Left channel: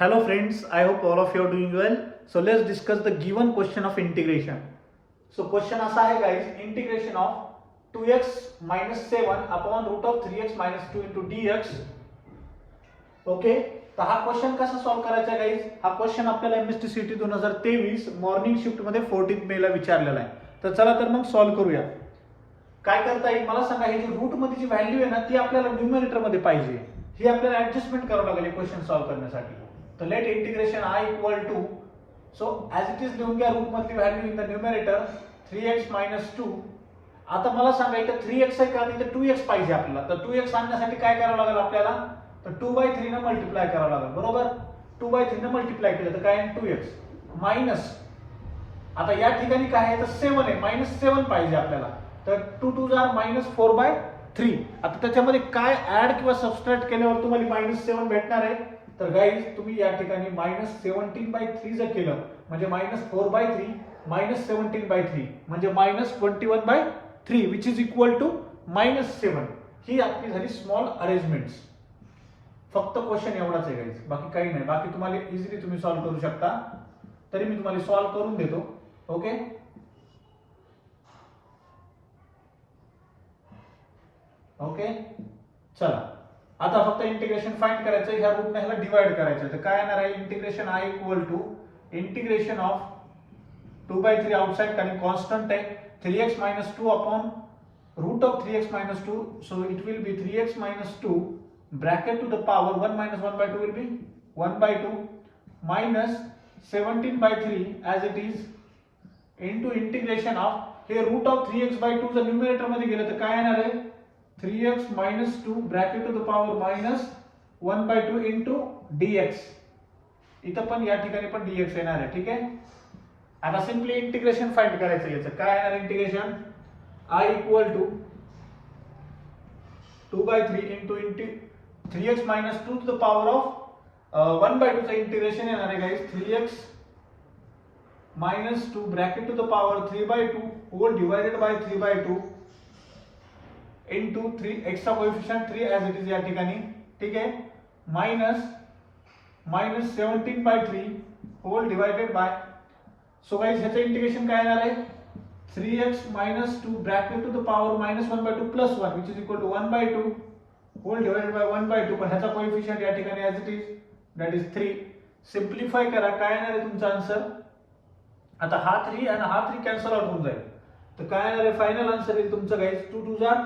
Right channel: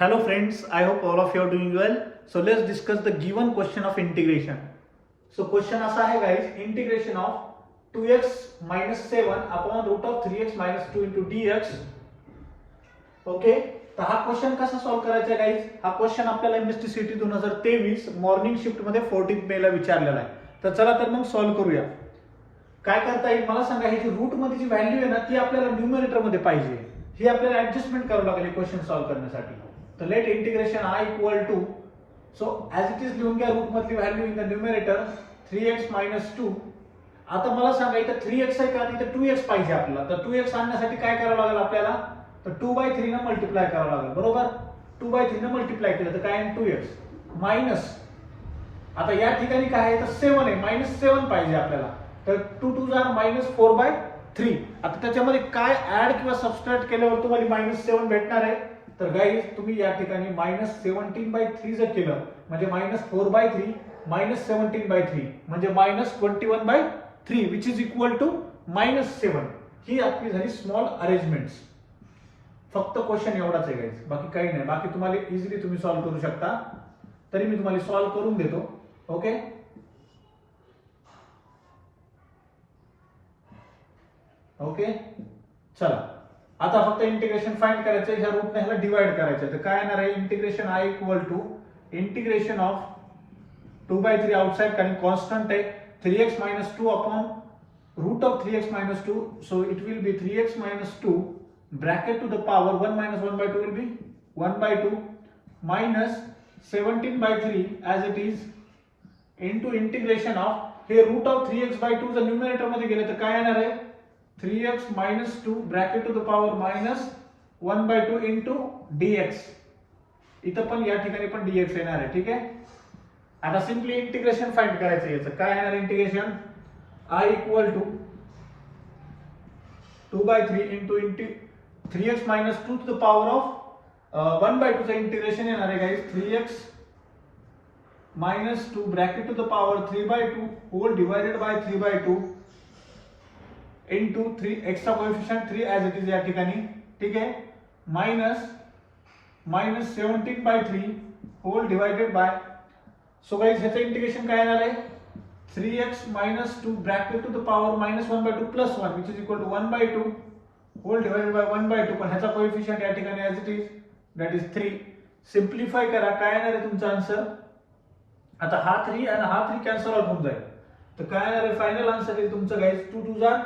Hello friends, I hope all of you are doing well. So let's discuss the given question of integration. So question असा आहे guys, integration of 2x minus 7 upon root of 3x minus 2 into dx. Okay, तर हा question कसा solve करायचा आहे guys? हा question आपल्याला MST CT 2023 morning shift मध्ये 14 मे ला विचारलेला आहे. तर चला तर मग सॉल्व्ह करूया. काय करता येईल मला सांगा, ही जी रूट मध्ये जी व्हॅल्यू आहे ना ती आपल्याला न्यूमरेटर मध्ये पाहिजे. ही आपल्याला ऍडजस्टमेंट करावं लागेल क्वेश्चन सॉल्व्ह करण्यासाठी. तर let integration I equal to, so as it is लिहून घ्या रूट मधली value in the numerator 3x minus 2. आता मला सांगा इथं 3x आहे का आणि इथं 2x पाहिजे आपल्याला. तर 2x आणण्यासाठी काय करावं लागेल आपल्याला? तर 2/3 ने मल्टिप्लाय करावं लागेल, बरोबर. 2/3 ने मल्टिप्लाय केलं तर काय आहे 2x मायनस, आता या ठिकाणी काय आहे तर 7 आहे, -7 पाहिजे आपल्याला. तर 2 2 जार -4/3. आता त्याच्यामध्ये काय ऍड किंवा सबट्रॅक्ट केल्यावर तुम्हाला -7 भेटणार आहे. तर गाईज तुम्ही या ठिकाणी -17/3 जर केलं म्हणजे -4/3 -17/3 म्हणजे -21/3 विच इज इक्वल टू -7. ही आपली झाली स्मॉल अरेंजमेंट्स. फक्त क्वेश्चन एवढाच आहे गाईज, बाकी काही नाही. बाकी तुम्हाला इझिली तुम्ही सॉल्व्ह करू शकता. तरी मी तुम्हाला सॉल्व्ह करून देतो. ओके, ओके चला. आता फक्त इंटिग्रेशन फाइंड करायचं, ह्या रूटने ह्याला डिवाइड करायचं. तर काय येणार आहे integration I equal to integration of 2/3 outside आणि कॉन्स्टंट आहे 3x minus 2 upon root of 3x minus 2. So it will be 3x minus 2 bracket to the power 1 minus 1/2 will be 1/2 minus 17/3 as it is into integration of हे root of 3x/2 जर numerator मध्ये गेलं तर काय येणार आहे 3x minus 2 bracket to the power minus 1/2 into dx. इथं पण या ठिकाणी पण dx येणार आहे. ठीक आहे, आता सिंपली इंटिग्रेशन फाइंड करायचं. याचं काय येणार integration I equal to 2/3 into 3x minus 2 to the power of 1/2 चं इंटिग्रेशन येणार आहे guys 3x minus 2 bracket to the power 3/2 whole divided by 3/2 into 3 extra coefficient 3 as it is या ठिकाणी. ठीक आहे, minus 17/3 whole divided by. So guys ह्याचं integration काय येणार आहे 3x minus 2 bracket to the power -1/2 plus 1 which is equal to 1/2 whole divided by 1/2. पण ह्याचा कोएफिशिएंट या ठिकाणी as it is that is 3. सिंप्लिफाय करा, काय येणार आहे तुमचा आन्सर. आता हा 3 आणि हा 3 कॅन्सल आउट होऊन जाईल. तर काय येणार आहे फायनल आन्सर येईल तुमचं guys 2 2 jar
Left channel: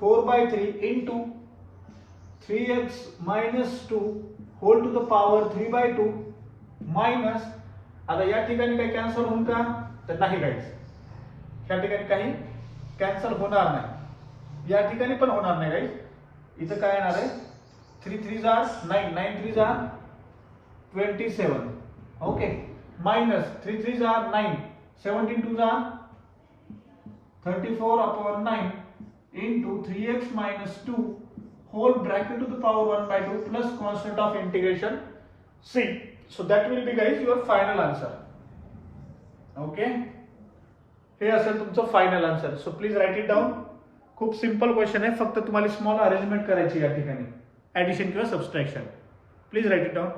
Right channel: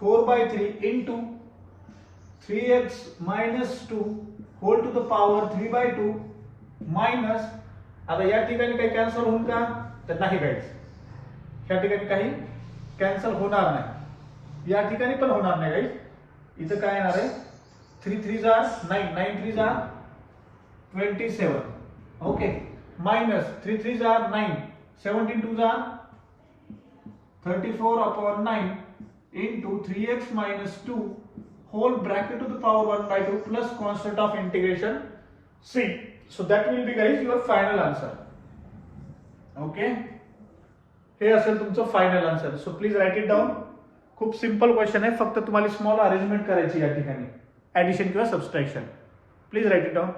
4/3 into 3x minus 2 whole to the power 3/2 minus, आता या ठिकाणी काही कॅन्सल होऊन का तर नाही गाइस, या ठिकाणी काही कॅन्सल होणार नाही, या ठिकाणी पण होणार नाही गाइस. इथं काय येणार आहे 3 3 जार 9 9 3 जार 27. Okay, minus 3 3 jar 9 17 2 jar 34/9 into 3x minus 2 whole bracket to the power 1/2 plus constant of integration c. So that will be guys your final answer. Okay, हे असेल तुमचं final answer. So please write it down. खूप simple question आहे, फक्त तुम्हाला small arrangement करायची या ठिकाणी, ऍडिशन किंवा subtraction. Please write it down.